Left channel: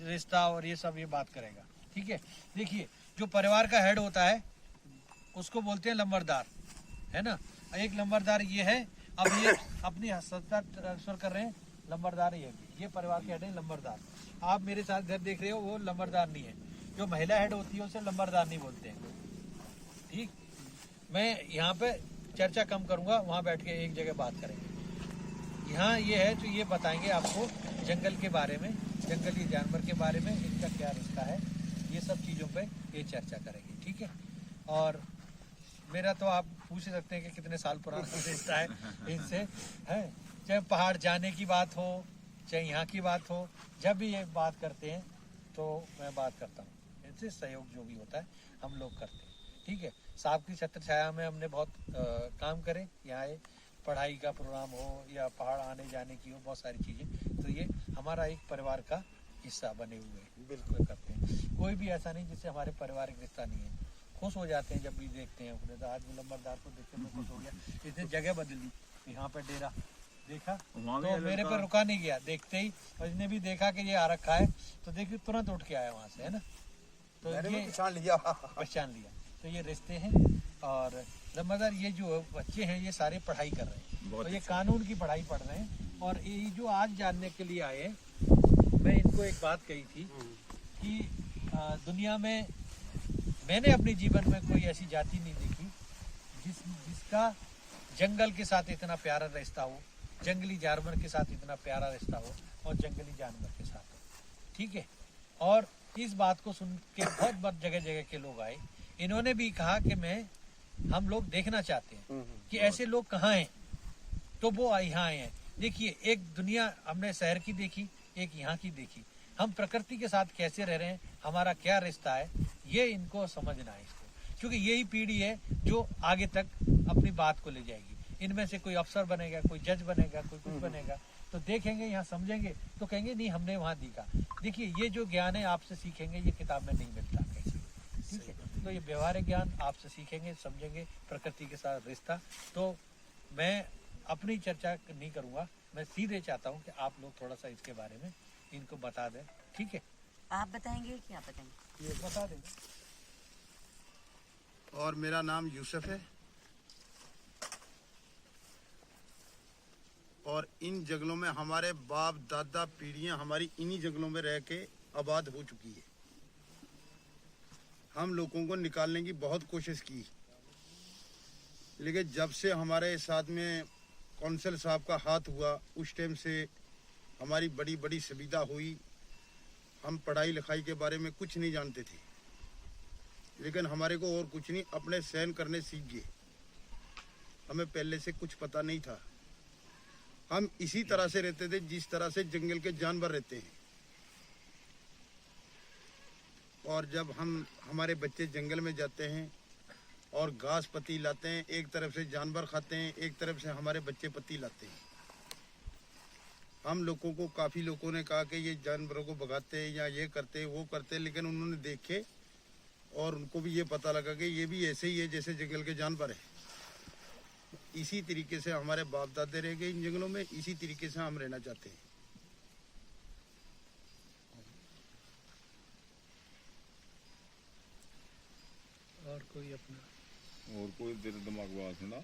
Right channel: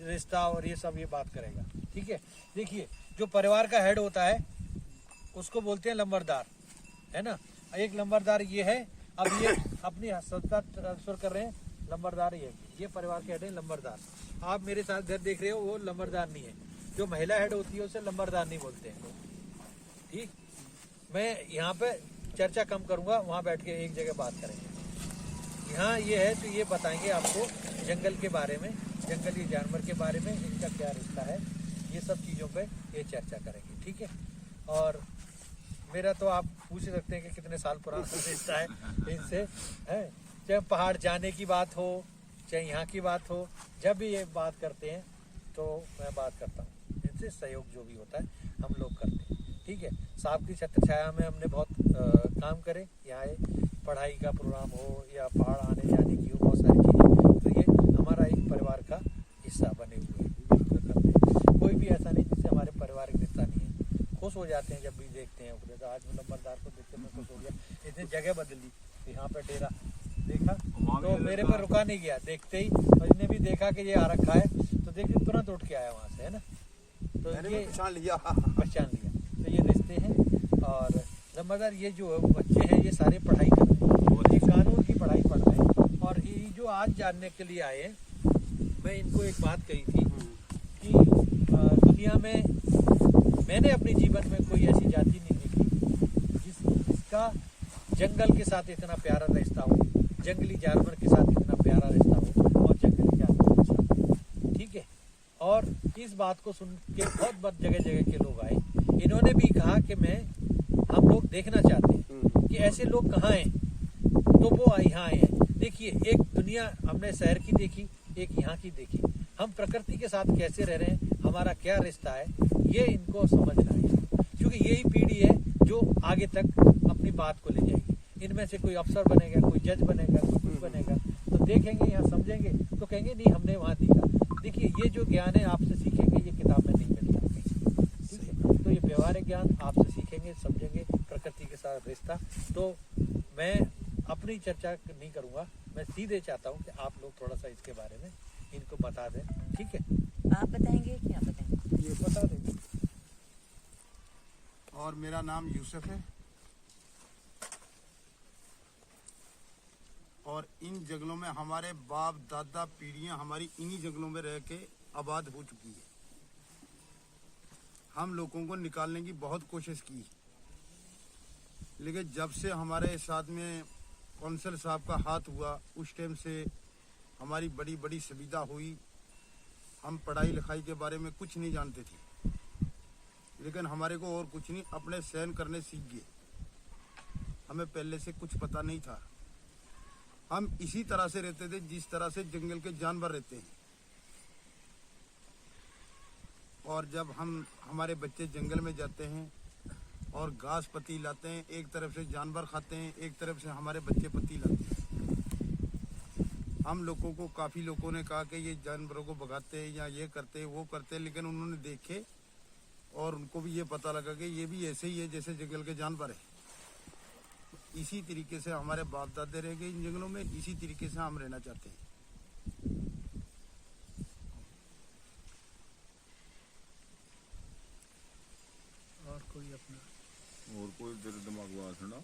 रिश्ता और ये सब ये बात करेगा। ठीक है, देखिए जो परिवार का हेड होता है उसको बोलते हैं लंबरदार, है ना। एक लंबरदार ये है। अब ये अपनी सत्ता ट्रांसफर कर रहे हैं, लंबरदार ये परिवार के हेड है लंबरदार। आप मेरे साथ घर देख रहे हो, वो लंबरदार नहीं है। जो महिला हेड होती है उसे लंबरदार नहीं बोलते हैं। ठीक, मैं यहाँ पे चर्चा कम करूँगा, वहाँ बैठ के एक जगह बात करेंगे। यहाँ ये है तो ये बताएंगे आपको जंगल के बारे में, जंगली जानवर के बारे में, इनका क्या रिश्ता है, ये सब चीज़ों पे ये चर्चा करेंगे। ठीक है, और मेरा तो आप पूछ सकते हैं कि कितने साल पुराना रिश्ता है इनसे, है। चाहे पहाड़ जाने की बात हो, चाहे यहाँ की बात हो, जब भी ये बात करते हैं तो मैं बात करता हूँ इनसे। सहयोग जो भी होता है हम लोग करते हैं। ठीक है, साहब की छत्र छाया में हमने बहुत काम करे। यहाँ पढ़ाई का प्रोग्राम हो या पहाड़ आने जाने की हो, बहुत सारी चीज़ें, तो ये हमारा एक परिवार का हिस्सा बने हुए हैं, उसमें करते हैं। कोई भी ऐसा नहीं जिससे हमारे पारिवारिक रिश्ता नहीं है। खुश हो जाते हैं जब भी देखते हैं। तो आज नंबरदार को देख के मैं खुश हो गया, इसने जगह बदली, यहाँ पे डेरा देखा तो मेरे पर रुका नहीं गया, देखते ही। और इसने भी देखा कि ये आ रखा है तो देखिए तुरंत उठ के आया वहाँ से, है ना। तो ये पहचान लिया। तो ये रिश्ते हैं। और नंबरदार ये जो बच्चे हैं ये सारे पढ़ाई कर रहे हैं, ये कानून की पढ़ाई पढ़ रहे हैं। और ये जो आज जानने के लिए आए, मैं इनको एक बात कही थी कि दुनिया में मैंने अपने जीवन में कोई ऐसी जाति नहीं देखी जिसका जंगल के साथ इतना प्यारा रिश्ता हो, जंगली जानवर के साथ इतना प्यारा रिश्ता हो, और जंगली जानवर के साथ। ठीक है, और इस बात को सुन के बहुत जगह जगह के लोग आए। इन्होंने भी कहा कि हम लोग देखना चाहते हैं कि ऐसे लोग कहाँ हैं, तो वो यहाँ आए हैं। देखिए, एक दुनिया हमने शहर की देखी, एक यहाँ की देखी। हम प्रकृति के साथ कैसे रह रहे हैं, हमारा क्या रिश्ता है, ये इनको समझना है। क्योंकि यही पीढ़ी है जो आगे तक अपनी बात को ले जाएगी। इनमें से कोई अफसर बनेगा, कोई जज बनेगा, कोई कुछ बनेगा, तो देखेंगे यहाँ समझेंगे तो कहेंगे नहीं हमने वहाँ देखा। देखिए, ये जो ज्ञान है आपसे सीखेंगे, ये किताब में नहीं मिलता। ठीक है, तो ये व्यवहारिक ज्ञान आपसे सीखेंगे, समझेंगे, प्रकृति के साथ रिश्ता। तो मैं अपनी चर्चा नहीं करूँगा, मैं सीधे चाहता हूँ कि आप लोग थोड़ा सा इसके बारे में इनको बता दें। ठीक है, आप बताएंगे क्या बताएंगे? ये बता देंगे। और मेरा नाम यूसुफ है, और इन जंगलों में हमारे बाप दादा पीढ़ियां हमारी इन्हीं जंगलों में रह के आबाद हो चुकी है। हम लोगों को निकालने की बहुत कोशिश की, लेकिन जब से हमारे साथ में कौंसल साहब का हाथ हुआ, उस टाइम से हमारी बड़ी बड़ी सुविधा हुई। हम पढ़ाई लिखाई के बारे में कुछ नहीं जानते थे, लेकिन हमारे को और कुछ नहीं, अपने सहन करने सीख गए। हमें पहले से कुछ पता नहीं था। हम इसी तरह से रहते थे जिस तरह से जंगल के जानवर रहते हैं। और जब हमारे बच्चे जंगल में जाते हैं और घास पत्ती लाते हैं, एक तरफ से जानवर खाते हैं, एक तरफ से हमारे बच्चे पत्ती लाते हैं। हम लोगों को काफ़ी लोगों ने कहा कि ये जानवरों को भगाते हैं या ये करते हैं वो करते हैं, लेकिन उन्होंने देखे और उनको भी ये पता लगा कि ये भी ऐसे ही है जैसे जंगल के जानवर है। इसी तरीके से हमारे बाप दादे रह गए इन जंगलों में, इसी तरीके से हम रहना चाहते हैं। और कोई अपना और कोई तेरे दिमाग में आ